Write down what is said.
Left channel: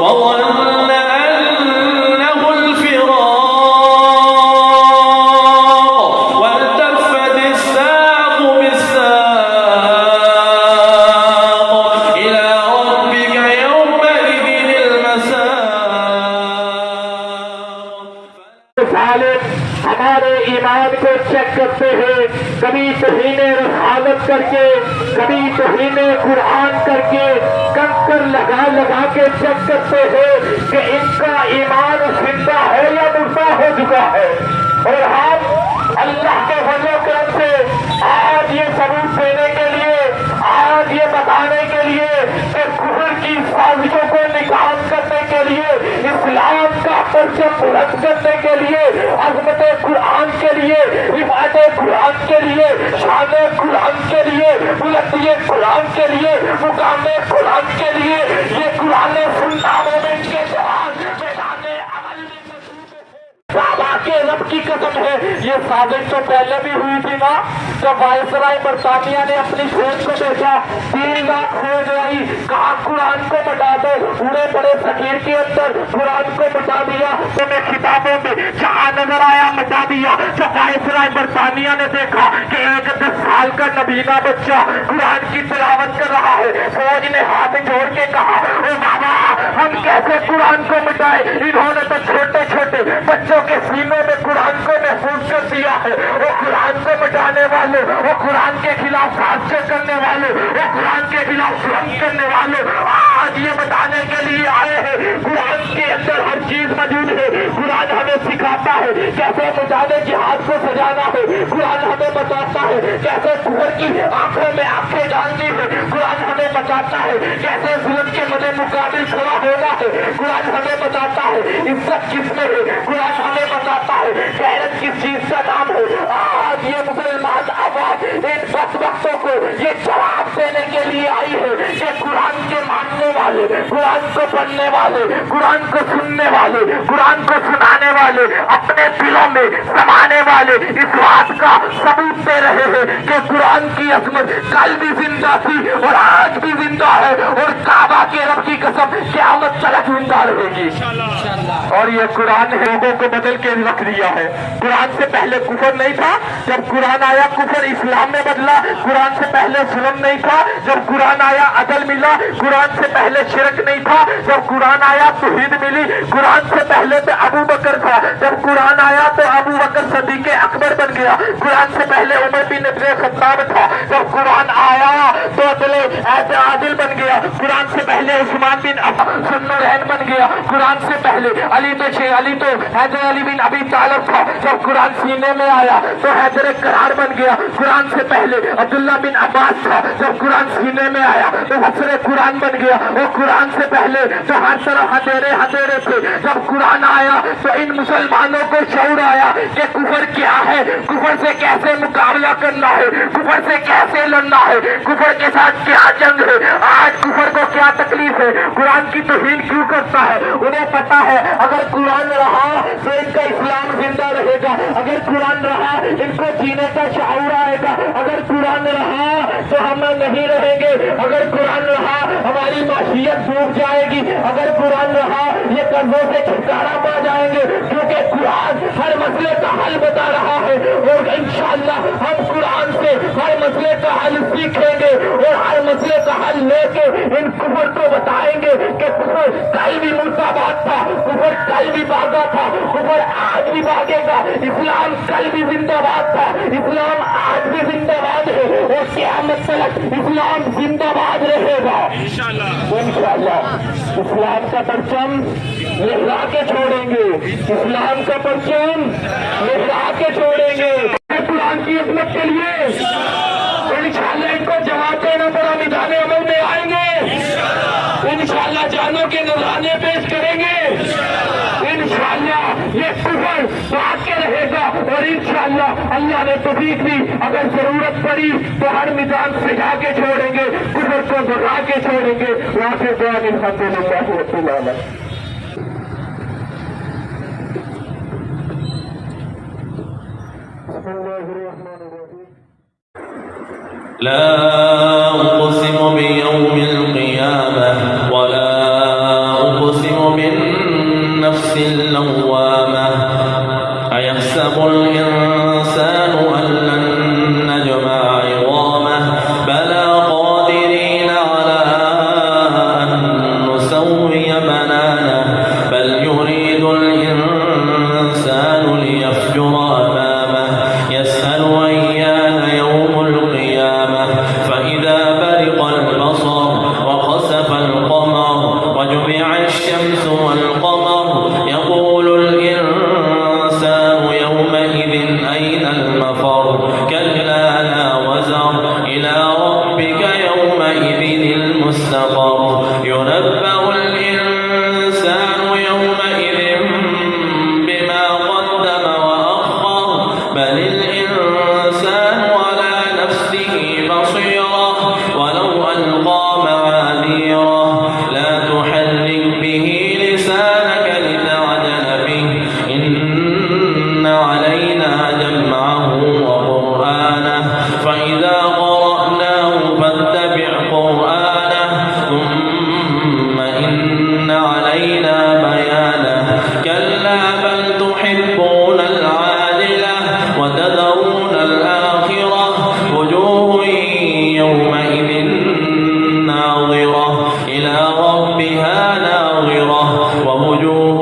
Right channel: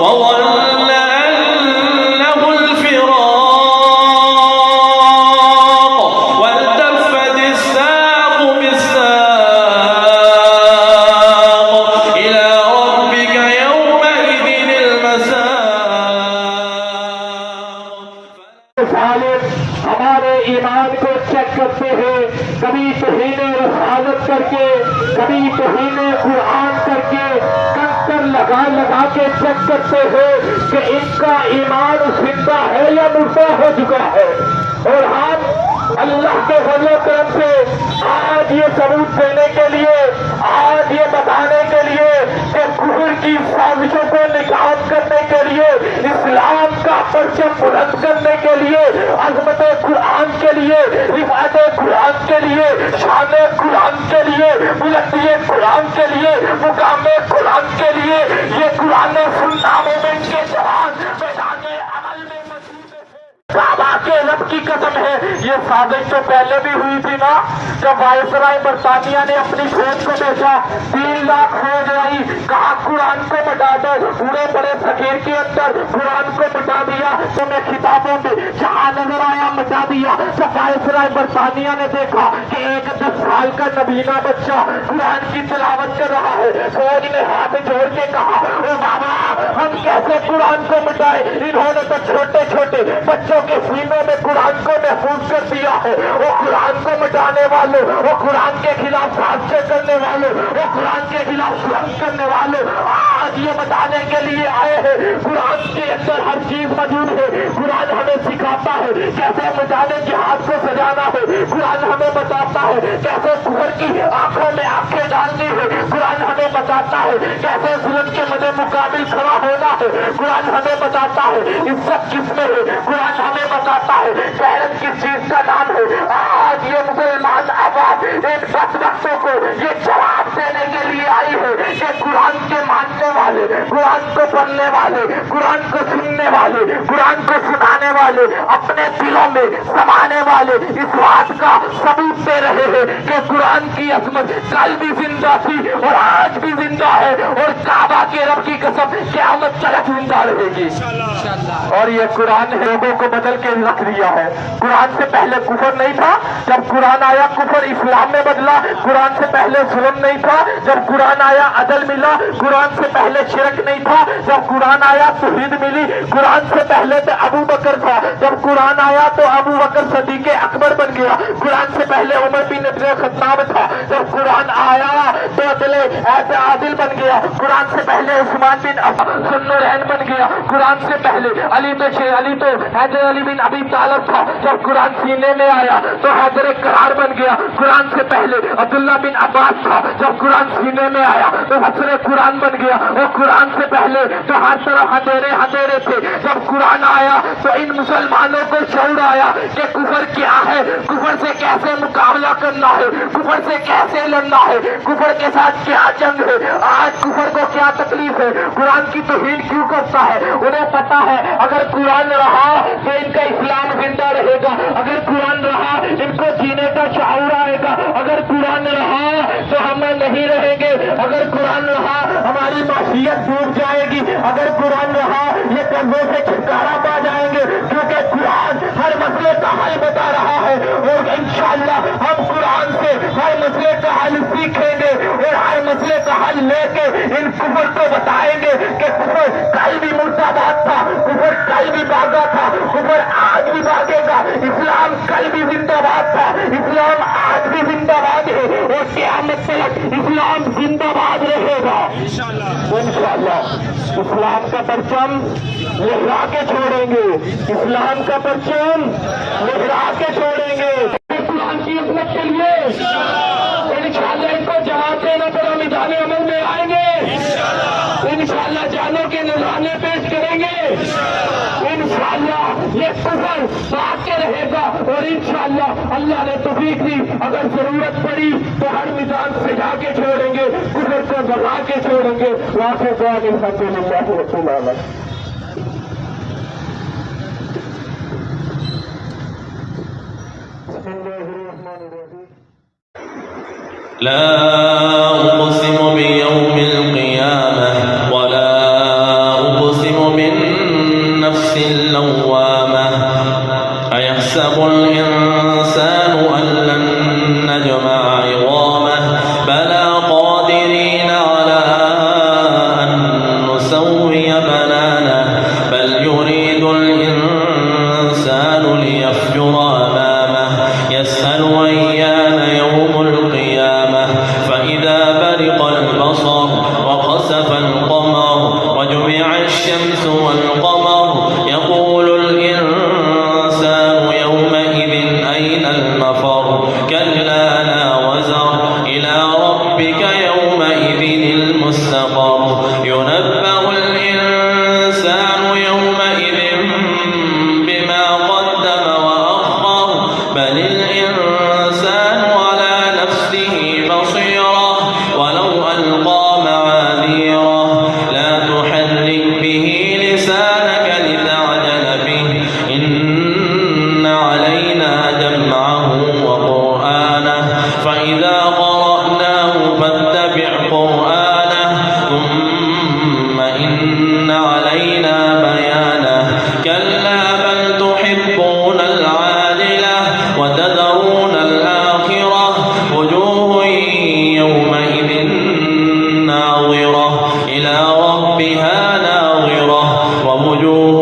وظن أنه الفراق والتفت الساق بالساق إلى ربك يومئذ المساق. ہمارے ایمان کو چیک کرتے ہیں، کبھی توہین رسالت کر کے، کبھی توہین قرآن کر کے، کنکر لگا لگا کے چیک کرتے ہیں کہ ان کا ایمان زندہ ہے یا مردہ ہو چکا ہے. اور ہم اللہ کے فضل و کرم سے آج یہ ثبوت دینے کے لیے، آج یہ بتانے کے لیے کہ کفر کی سازشوں کو نکال کرنے کے لیے، اسلام کا پرچم بلند کرنے کے لیے، عظمت قرآن کے لیے، رفعت قرآن کے لیے، شان قرآن کے لیے، بلندی قرآن کے لیے، مقام قرآن کے لیے، یہ قرآن سننا مومن کے جوان میدان عمل میں موجود ہے. کعبہ کے رب کی قسم ہے، یہ سازش تو پہلے بھی ہوئی تھی نا، جب وائسرائے برطانیہ نے اپنی فوج کو بھیجا، 3 لاکھ فوج آئی، کہا قرآن کو مٹا دو، اڑے پڑے فقیر کے اندر قرآن کو مٹا دیا. تو میں کتابوں میں جہاں نظر آیا مٹا دیا. جب وائسرائے برطانیہ نے دیکھا کہ ایک 10 سال کا نبینا بچہ قرآن کی تلاوت کر رہا ہے، فوج نے ہاتھ جوڑ کے کہا اے بابا ہم کیسے قرآن کو مٹائے، انہوں نے تو چھوٹے چھوٹے بچوں کے سینوں میں قرآن کو محفوظ کر دیا ہے. وہ قرآن کو مٹانے والے، وہ قرآن کے خلاف حادثے کرنے والے، وہ قرآن کے خلاف جنگ کرنے والے آج یہ بتانے کے لیے آئے ہیں قرآن کے اندر ہر چیز موجود ہے. قرآن ہمیں سکھاتا ہے کیسے مجاہد جہاد کو سجانا ہے. قرآن ہمیں بتاتا ہے کیسے کفر کی آنکھوں میں آنکھیں ڈالنی ہے. قرآن ہمیں بتاتا ہے کیسے ظلم کے مدے مقابل کھڑا ہونا ہے. قرآن ہمیں بتاتا ہے عزت کس میں ہے. قرآن ہمیں بتاتا ہے غیرت کس چیز کا نام ہے. آج یہ مسلمان آواز ان بدبختوں کو یہ جواب دینے کے لیے آئی ہے کہ قرآن کے ماننے والے، قرآن کو پڑھنے والے، قرآن کو سننے والے، قرآن کو سنانے والے، اپنے دلوں میں سمانے والے اس بات کا ثبوت دے رہے ہیں کہ قرآن کی عظمت کل بھی زندہ تھی اور آج بھی زندہ ہے، اور کعبہ کے رب کی قسم قیامت تک زندہ رہے گی. اور یہ قرآن لوگوں کو بدل کے رکھ دیا ہے. قرآن سے پہلے کفر نہیں تھا، جب قرآن آیا کفر اسلام میں بدلا. قرآن سے پہلے ظلم نہیں تھا، جب قرآن آیا عدل ملا. قرآن سے پہلے شرک نہیں تھا، جب قرآن آیا توحید ملی. قرآن سے پہلے تو ابو بکر تھا، جب قرآن آیا تو ابو بکر صدیق اکبر بن گیا. قرآن سے پہلے عمر بن خطاب تھا، جب قرآن آیا تو عادل بن گیا. قرآن سے پہلے عثمان بن ذوالنورین بن گیا. قرآن سے پہلے علی تو حیدر علی بن ابی طالب تھا، جب قرآن سینے میں آیا تو حیدر قرار بن گیا. قرآن سے پہلے عبداللہ بن عباس تھا، جب قرآن سینے میں آیا تو حسن قرآن بن گیا. اور قرآن سے پہلے تو ہر طرف ہتھیرے تھے، جب قرآن آیا تو ان مسلمانوں کو شعور آیا کہ کفر کیا ہے، کفر سے کیسے مقابلہ کرنا ہے، کفر سے کیسے لڑنا ہے، کفر کے ساتھ کیا جنگ ہے. آج کفر کو کیا تکلیف ہے، قرآن کی توہین کیوں کرتا ہے. انہیں پتا ہے اگر قرآن رہا تو ان کا اسلام زندہ رہے گا، اگر قرآن رہا ان کو جینے کا شعور آئے گا، اگر قرآن رہا تو ہم نہیں رہیں گے، اگر قرآن رہا ہماری معاشیت ڈوب جائے گی، اگر قرآن رہا یہ قرضوں سے چھٹکارا پا جائیں گے، کیونکہ قرآن ہر مسئلے کا حل بتا رہا ہے. اور انشاءاللہ ہم قرآن سے ہر مسئلے کا حل سیکھیں گے اور ہر مسئلے کا حل لے کے ان کفر کو بتائیں گے کہ کفر کل بھی مرتبات تھا، کفر کل بھی بھاگا تھا، کفر آج بھی بھاگے گا. اسلام کل بھی زندہ باد تھا، اسلام آج بھی زندہ باد ہے اور قیامت تک اسلام زندہ باد رہے گا انشاءاللہ. اسلام کا پرچم لہرا کے چھوڑیں گے، اسلام کا پرچم لہرا کے چھوڑیں گے. قرآن کی عظمت کے لیے انشاءاللہ ان کو جواب دینا پڑا، میدان عمل میں آئیں گے انشاءاللہ، جانوں کے نذرانے پیش کریں گے انشاءاللہ. یہ کفر بات کے رہے گا اور انشاءاللہ اللہ نے توفیق دی اگر ضرورت پڑی تو ہر میدان سجا کے چھوڑیں گے، کفر کو گھبرا کے چھوڑیں گے. وہاں سے جان الحمدللہ رب العالمین. لا أقسم بيوم القيامة ولا أقسم أيحسب الإنسان أن لن نجمع عظامه بلى قادرين على أن نسوي بنانه بل يريد الإنسان ليفجر أمامه يسأل أيان يوم القيامة فإذا برق البصر وخسف القمر وجمع الشمس والقمر يقول الإنسان يومئذ أين المفر كلا لا وزر إلى ربك يومئذ المستقر ينبأ الإنسان يومئذ بما قدم وأخر بل الإنسان على نفسه بصيرة ولو ألقى معاذيره لا تحرك به لسانك لتعجل به إن علينا جمعه وقرآنه فإذا قرأناه فاتبع قرآنه ثم إن علينا بيانه كلا بل تحبون العاجلة وتذرون الآخرة وجوه يومئذ ناظرة إلى ربها ناظرة ووجوه